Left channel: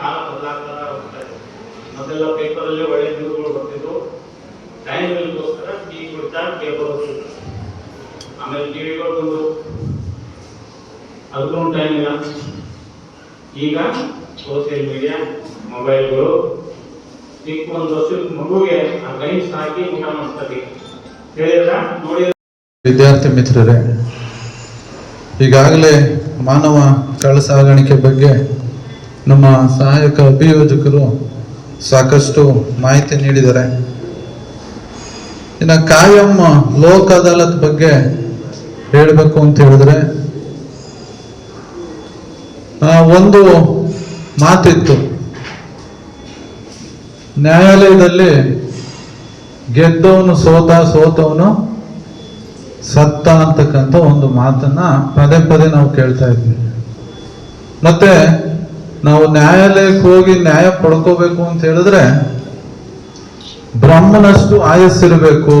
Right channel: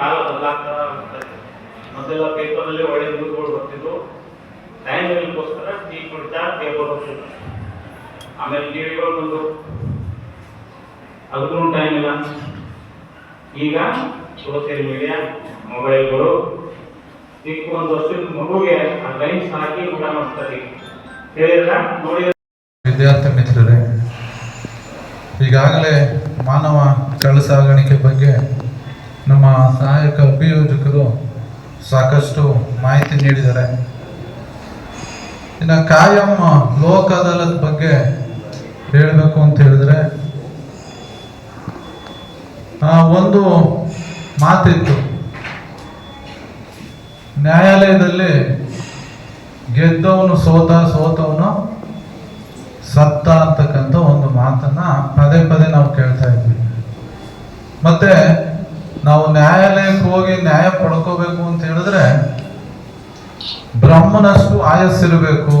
ಕಾಲ ಬದಲಾಗ್ತಾ ಹೋಗ್ತಾರೆ. ಮೊದಲೆಲ್ಲ ಪೇಪರಲ್ಲಿ ಒಳ್ಳೆ ನ್ಯೂಸ್ಗಳು ಬರ್ತಿದ್ವು. ಟೈಮ್ಗೋಸ್ಕರ ಟೀ ಕುಡಿತಾ ಪೇಪರ್ ಓದ್ತಿದ್ರು. ಆಮೇಲೆ ಟಿವಿಗಳು ಬಂದು ಅದಕ್ಕೂ ಟೈಮ್ ಇಲ್ಲ. ಈಗ ಸೋಷಿಯಲ್ ಮೀಡಿಯಾ, ಮೊಬೈಲ್ಗಳು, ಚಿಕ್ಕ ಒಂದು ವರ್ಷದ ಮಗುಗೆ ಆ ಲೈನ್ಸ್ ಹಾಕಿ ಊಟ ಮಾಡಿಸ್ತಾರೆ. ಹೇಳಿದ್ರ ನೋಡಿ. ವಿದ್ಯಾರ್ಥಿ ಮಿತ್ರರೇ, ಈಗಾಗಲೇ ಮಾನವ ಕಳ್ಳ ಸಾಗಾಣಿಕೆ ಬಗ್ಗೆ ನಮ್ಮ ಸಹಾಯಕ ಅಭಿಯೋಜಕರು ಸಾಕಷ್ಟು ಮಾಹಿತಿ ನೀಡಿದ್ದಾರೆ. ಇನ್ನು ಕಾಯಂ ಲೋಕ್ ಅದಾಲತ್ ಬಗ್ಗೆ ಹೇಳಬೇಕು ಅಂತ ಹೇಳಿದ್ರೆ, ಒಂದು ಮಾತಿತ್ತು, ನ್ಯಾಯಾಲಯದಲ್ಲಿ ಗೆದ್ದವನು ಸೋತವನು ಸತ್ತ ಅಂತಕ್ಕಂಥ ಒಂದು ಮಾತನ್ನ ಪದೇ ಪದೇ ನಾವು ಕೇಳ್ತಾ ಇದ್ವಿ. ಮತ್ತೆ ನಾವು ನ್ಯಾಯಾಲಯಕ್ಕೆ ಹೋಗಿ ನ್ಯಾಯ ಪಡ್ಕೋಬೇಕು ಅಂತ ಹೇಳಿದ್ರೆ ಬ್ರಹ್ಮನಷ್ಟು ಆಯಸ್ಸಿರಬೇಕು,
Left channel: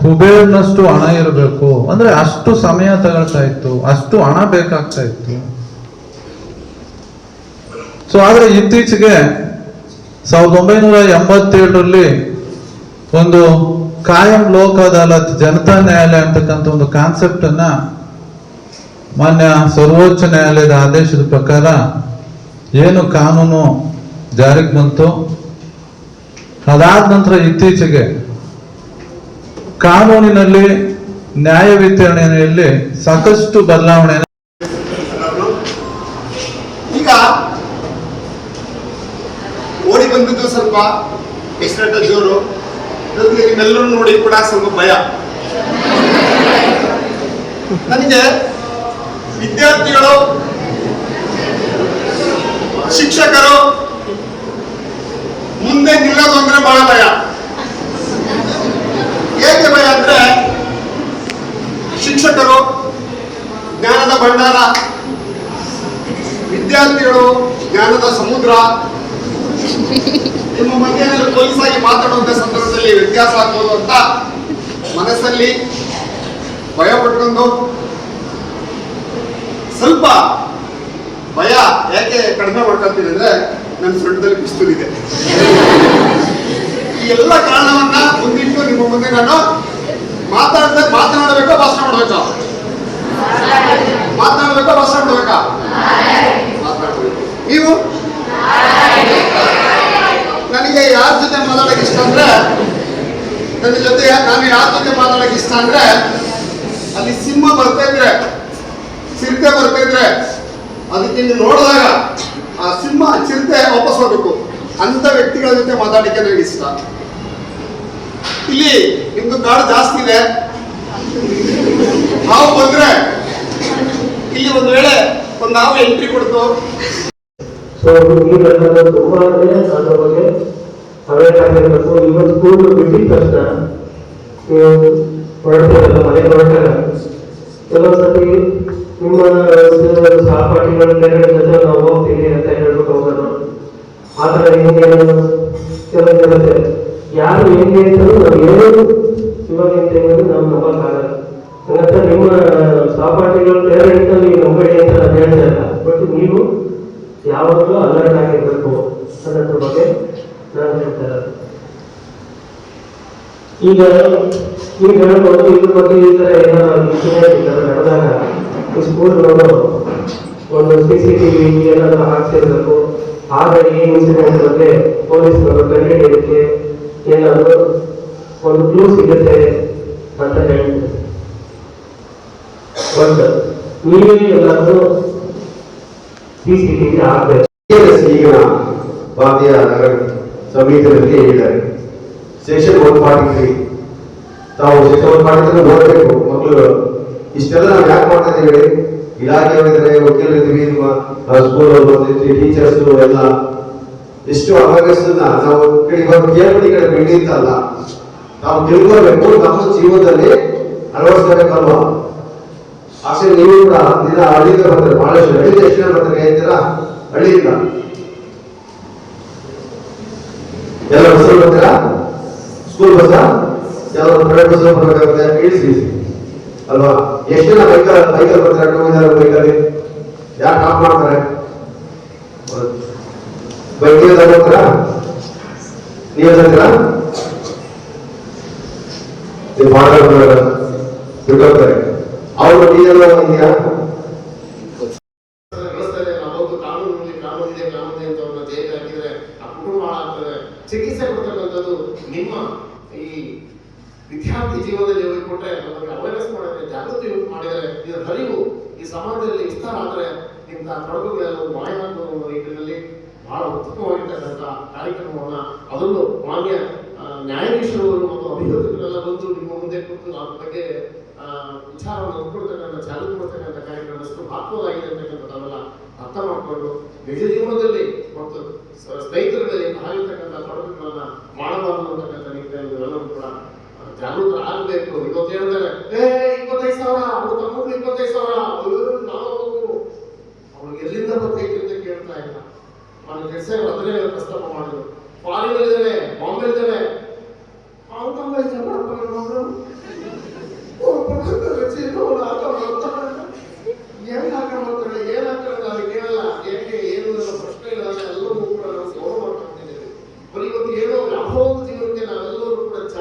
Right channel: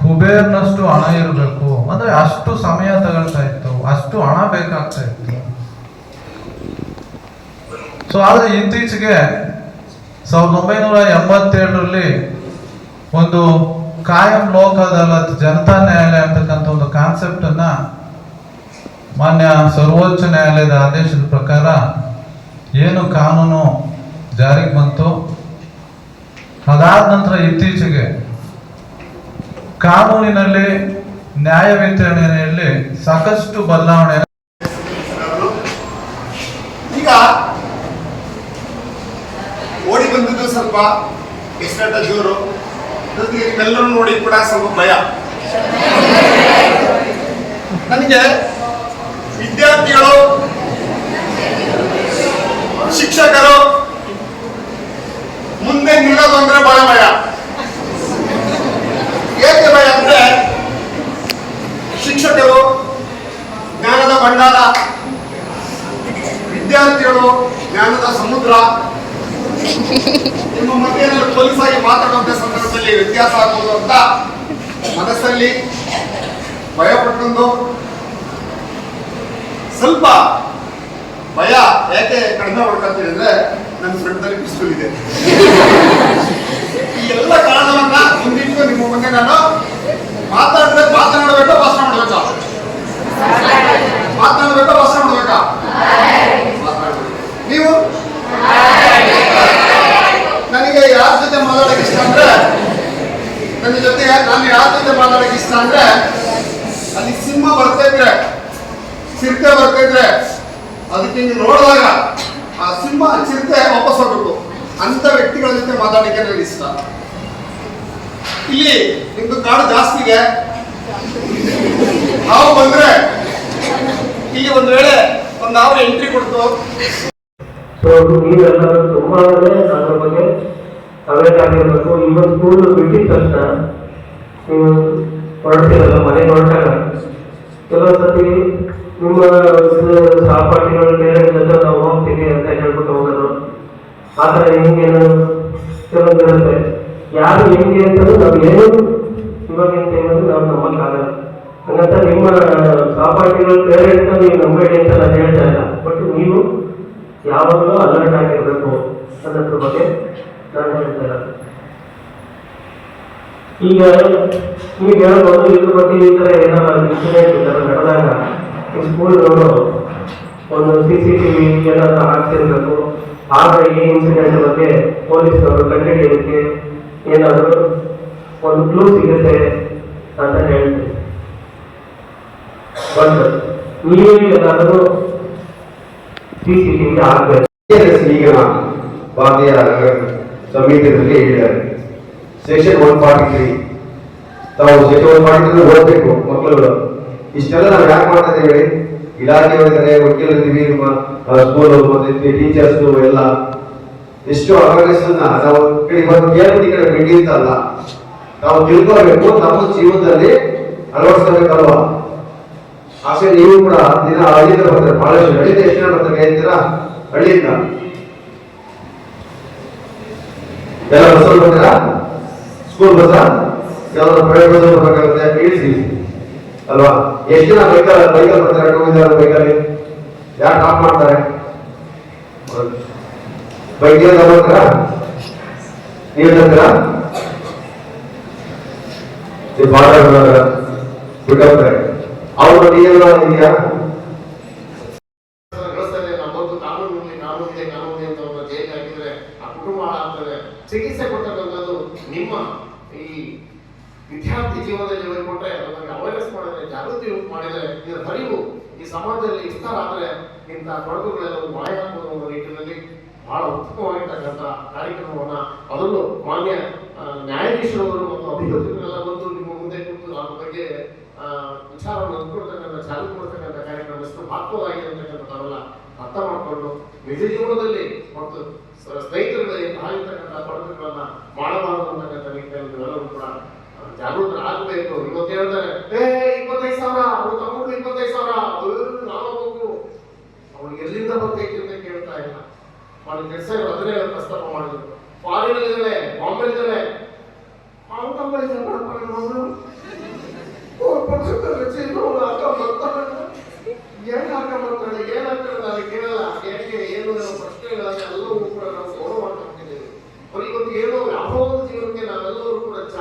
ಕುಬೇರ್ನಷ್ಟು ಹಣ ಇರಬೇಕು, ಅಂದ್ರೆ ಅಷ್ಟು ಸಮಯ ತಗೊಳ್ತಾ ಇತ್ತು, ಅಷ್ಟು ಹಣ ಬೇಕಾಗ್ತಾ ಇತ್ತು. ಸೊ ಆದ್ರೆ ಇತ್ತೀಚೆಗೆ 1987ರಲ್ಲಿ ಒಂದು ಕಾಯಂ ಲೋಕ್ ಅದಾಲತ್, ಜನತಾ ನ್ಯಾಯಾಲಯ ಅಂತಕ್ಕಂಥ ಒಂದು ಕಾನ್ಸೆಪ್ಟ್ ಅನ್ನ ಮಾನ್ಯ ಸರ್ವೋಚ್ಚ ನ್ಯಾಯಾಲಯದ ಆದೇಶದ ಪ್ರಕಾರ ಏನು ಕಾನೂನು ಜಾರಿಗೆ ಬಂತು, ಅದಾದ ನಂತರ ಇತ್ತೀಚೆಗೆ ಕಾನೂನಿನಲ್ಲಿ ನ್ಯಾಯ ವಿತರಣೆಯಲ್ಲಿ ಸಾಕಷ್ಟು ಬದಲಾವಣೆ. ಈಗ ಓಡಿ ಬಂದಿದ್ದು ಸ್ವಲ್ಪ ಎಕ್ಸ್ಟ್ರಾ ಜೋರು, ನಿಮ್ಮೆಲ್ಲರೂ ನೋಡಿ ಕೂಡ ಸ್ವಲ್ಪ ಭಯ. ನನಗೆ ವಿದ್ಯಾರ್ಥಿಗಳು, ಶಿಕ್ಷಕರು ಮುಂದೆ ನಿಲ್ಲೋದು ಅಂದ್ರೆ ಬಹಳ ಭಯ. ಏಕೆ ಭಯ ಅಂದ್ರೆ, ಶಿಕ್ಷಕರು ಜ್ಞಾನದ ಭಂಡಾರ, ವಿದ್ಯಾರ್ಥಿಗಳು ಜ್ಞಾನದ ಸಮುದ್ರ. ನಿಮ್ಮ ಮಧ್ಯೆ ಪೊಲೀಸ್ ಆಗಿ ಮಾತಾಡುವಂತ ಸಂದರ್ಭದಲ್ಲಿ ವ್ಯತ್ಯಾಸ ಆಗ್ಬೋದು ಅಂತ ಮನಸ್ಸಲ್ಲಿ ಭಯ ಪಟ್ಕೊಂಡು, ಸ್ವಲ್ಪ ಭಯ ಯಾಕೆ ಕಡಿಮೆ ಮಾಡ್ಕೊಳ್ತೀನಿ ಅಂದ್ರೆ, ನನ್ನ ಫ್ರೆಂಡ್ದಲ್ಲಿ ಪಿಸ್ತೂಲ್ ಇದೆ. ಈ ಎಲ್ಲ ಕಾರಣವನ್ನ ಮುಂದಿಟ್ಟು ನಿಮ್ಮ ಮುಂದೆ ನಾನು ಮಾತಾಡಬೇಕಾ ಭಾಷಣ ಮಾಡ್ಬೇಕಾ? ಮಾತನಾಡ್ಬೇಕಾ ಭಾಷಣ ಮಾಡ್ಬೇಕಾ? ಮಾತನಾಡ್ಬೇಕು. ನೀವು ನನಗೆ ಯಾರ ಜೊತೆ ಮಾತಾಡಕ್ಕೆ ಇಷ್ಟ ಅಂದ್ರೆ, ನನ್ನ ಜೊತೆ ನಾನು ಯಾರ ಜೊತೆ ಮಾತಾಡಕ್ಕೆ ಇಷ್ಟ ಅಂದ್ರೆ, ಅಲ್ಲಿ ಸಿಂಹ ಬರ್ತಾ ಇದ್ರೆ, ಚಿರತೆ ಬರ್ತಾ ಇದ್ರೆ, ಅದಕ್ಕೆ ಹಿಂಗೆ ನೋಡಿದಾಗ ಆ ಸಿಂಹ ಚಿರತೆ ವಾಪಸ್ ಹೋಗ್ಬೇಕು ಅಂತ ವ್ಯಕ್ತಿಗಳ ಜೊತೆ ಮಾತಾಡಕ್ಕೆ ನನಗೆ ಇಷ್ಟ. ಇಲ್ಲಿ ನಿಮ್ದು ಕಾಡು ಜಾಸ್ತಿ ಇದೆ, ಹಾವು ಬಂದ್ರೆ ಇಲ್ಲಿ ಒಂದ್ ವೇಳೆ ಒಂದು ಹಾವು ಎಂಟ್ರಿ ಕೊಡ್ತು. ಸೊ ನೀವೆಲ್ಲ ತುಂಬಾ ಅದ್ರ ಬಗ್ಗೆ ಅವೇರ್ ಆಗಿರ್ಬೇಕು. ಇವತ್ತು ಸ್ಕೂಲ್ ಬಿಟ್ಟಿದ ತಕ್ಷಣ ನೀವು ಹೊರಡ್ತೀರಲ್ಲ, ಮನೆ ಹೊರಟಾಗ ಕೆಲವೊಂದ್ಸತಿ ನಿಮ್ಮ ಸಹಪಾಠಿಗಳ ಜೊತೆ ನಾವು ಹೋಗ್ತೀವಿ ಅಂತ ಹೇಳ್ಬಿಟ್ಟು ಹೋಗೋದು, ಆ ಥರ ಹಿಂಗೆ ಕೆಲವೊಂದಿರುತ್ತೆ. ಯಾರು ಹೆಂಗೆ ಅಂತಂದ್ರೆ ನಾವು ಏನು ಇವಾಗ ಅಂತ ನಾವು ನಂಬಕ್ಕಾಗಲ್ಲ. ಹಂಗಂತ ನಿಮ್ಮ ಸಹಪಾಠಿಗಳ ಪೇರೆಂಟ್ ನೀವು ನಂಬೇಡಿ ಅಂತ ನಾನು ಹೇಳ್ತಾ ಇಲ್ಲ, ಬಟ್ ನೀವು ಯಾವಾಗಲೂ ಅಲರ್ಟ್ ಆಗಿರ್ಬೇಕು ಅನ್ನೋದ್ರ ಬಗ್ಗೆ ನಾನು ಹೇಳ್ತಾರೆ. ಈಗ ನೀವು ಹೇಳ್ಬೋದು, ಇದ್ರ ಬಗ್ಗೆ ಈ ಥರ ಏನಾದ್ರು ಇನ್ಸಿಡೆಂಟ್ ನಡೆದಾಗ ಸ್ಕೂಲ್ಗಳು ಒಂದು CCTV ಏನಾದ್ರು ಹಾಕ್ಸಿರ್ಬೇಕು. ಆಗ ಈ ಇನ್ಸಿಡೆಂಟ್ ಬಗ್ಗೆ ಪೊಲೀಸರು ಕಂಡುಹಿಡಿಯೋದಕ್ಕೆ ಏನಾದರೂ ಒಂದು ಕ್ಲೂ ಸಿಗುತ್ತೆ ಅಂತ ಹೇಳ್ತೀವಿ. ಬಟ್ ನೀವೇ ಏನಾದರೂ CCTV ಆಗಬೇಕು. ಈಗಿನ ಭಾರತೀಯ ಸಂಹಿತೆ ಬಗ್ಗೆ ಹೇಳಿದ್ದಾರೆ. ಸೆಕ್ಷನ್ 143 ತಾವು ಸೆಕ್ಷನ್ 143 ಓದಬೇಕು ಮಕ್ಕಳುಗಳು. ಇಷ್ಟೆಲ್ಲ ನಾವು ಯಾಕೆ ಮಾಡ್ತಾ ಇದ್ದೀವಿ ಹೇಳಿ? ಇಲಾಖೆಯವರಿದ್ದಾರೆ, ವಕೀಲರಿದ್ದೀವಿ, ನಿಮ್ಮ ಸ್ಕೂಲ್ ಟೀಚರ್ಸ್ ಎಲ್ಲ ಎಷ್ಟು ಅವೇರ್ನೆಸ್ ನಾವು ಇವತ್ತು ಕೇಳ್ಬಿಟ್ಟು ಈ ಕಡೆ ಬೆಂಡಿ ಅಂತಲ್ಲ, ನಾವು ತಿಳ್ಕೊಳ್ಬೇಕು, ನಮ್ಮ ಜೀವನದಲ್ಲಿ ಅಳವಡಿಸ್ಕೋಬೇಕಲ್ವಾ? ಆಸೆ ನೀವು ಕೂಡ ದಿನ ಹಳ್ಳಿಯಿಂದ ಬರ್ತಾರೆ, ಬಹಳಷ್ಟು ಹಳ್ಳಿಯಿಂದ ಎಷ್ಟು ಜನ ಬರ್ತಾರೆ ಹೇಳ್ತೀರಾ? ಹಳ್ಳಿಯಿಂದ ಎಲ್ಲ ಬಸ್ಸಲ್ಲಿ ಬರ್ತೀರಾ? ಸ್ಕೂಲ್ ಬಸ್ಸ ಯಾವ ಪ್ರೈವೇಟ್ ಬಸ್ ಬರ್ಬೇಕಾಗುತ್ತೆ, ಇಳಿಸಿ ಅಲ್ವಾ? ಎಷ್ಟು ಜನ ಬೈಕಲ್ಲಿ ಬರ್ತಾರೆ? 2 ವೀಲರ್ ಬೈಕಲ್ಲಿ ಯಾರು ಟಾಪ್ ಮಾಡ್ತಾರೆ? ವೈದ್ಯ ತಗೋತೀರಾ? ನೀವು ತಂತೀರಾ? ನೀವು ಭಾಳ ಬಿಟ್ಟೋಗ್ತಾರೆ. ಅವ್ರ ಎಲ್ಲ ಇದೆಯಾ? ವ್ಯವಸ್ಥೆ ನಮ್ಮೊಂದು ಕಾನೂನಿದೆ ಅಂತ ಅವ್ರನ್ನ ಜೈಲಿಗೆ ಹಾಕಿದ್ರೆ ಆ ಕುಟುಂಬ ಹಾಳಾಗ್ತದೆ. ಚಿಕಿತ್ಸೆ ಕೊಟ್ಟಿರುವಂಥದ್ದು ನಿಮ್ಮ ಈ ವಿದ್ಯಾರ್ಥಿ ಜೀವನದಲ್ಲಿ ಹೋಗಿಕೊಟ್ರೆ ನಮಗೆ ಅವೇರ್ನೆಸ್ ಮಾಡಿದ್ರೆ, ಜಾಗೃತಿ ಮಾಡಿದ್ರೆ, ಇದರ ಅರಿವು ಈ ಸಮಾಜದಲ್ಲಿ ವಿಸ್ತಾರ ಆದರೆ ಇಂಥ ತೊಡಕುಗಳೆಲ್ಲವೂ ಮಾಯ ಆಗುವ ನಿಟ್ಟಿನಲ್ಲಿ ಬಹಳ ಉತ್ತಮವಾಗಿರ್ತಕ್ಕಂಥ ಕಾರ್ಯಕ್ರಮವನ್ನ ಅದರಲ್ಲೂ ಮಾನ್ಯ ನ್ಯಾಯಾಧೀಶರವರು ಮತ್ತು ಅಭಿವೃದ್ಧಿಗಳೆಲ್ಲ ಬಂದು ನಿಮ್ಮ ಮುಂದೆ ಕೂತು ಅದ್ರ ಬಗ್ಗೆ ವಿಚಾರವನ್ನು ಅಂದ್ಕೊಳ್ತಕ್ಕಂಥ ಜಾಗೃತಿ ಕೊಡ್ತಕ್ಕಂಥ ಕಾರ್ಯಕ್ರಮ ಎಷ್ಟು ಮಹತ್ವದಾಗಿದೆ ಅಂತಕ್ಕಂಥ ತಾವೆಲ್ಲ ಅರ್ಥ ಮಾಡಿಕೊಂಡು ನಿಜ ಜೀವನದಲ್ಲಿ ಮತ್ತು ಸ್ನೇಹಿತರಲ್ಲಿ ಆಗಿರ್ತಕ್ಕಂಥ ತೊಡಕುಗಳನ್ನ ಮಾಡಬಾರದು ಅಂತಕ್ಕಂಥ ನಿಟ್ಟಿನಲ್ಲಿ ಎಲ್ಲರೂ ಕೂಡ ಜಾಗೃತರಾಗಬೇಕು. ಇವತ್ತು ಹೇಳ್ತಾರೆ 25,000 ಅವ್ರ ತಮ್ಮಗಳು 25,000 ನಾವು ಅವ್ರಿಗೆ ಎಲ್ಲಿಂದ ಬರ್ತೈತಿ ಅಂತ ಕೇಳ್ತಾ ಇಲ್ಲ. ಅವ್ನ ಕೆಲಸ ಅದನ್ನೇ ಪ್ರಸ್ತಾಪ ಮಾಡಿದ್ರು. ಫಾರಿನ್ ಇದ್ದಾಳೆ, ಬಾಂಬೆ ಇದ್ದಾಳೆ,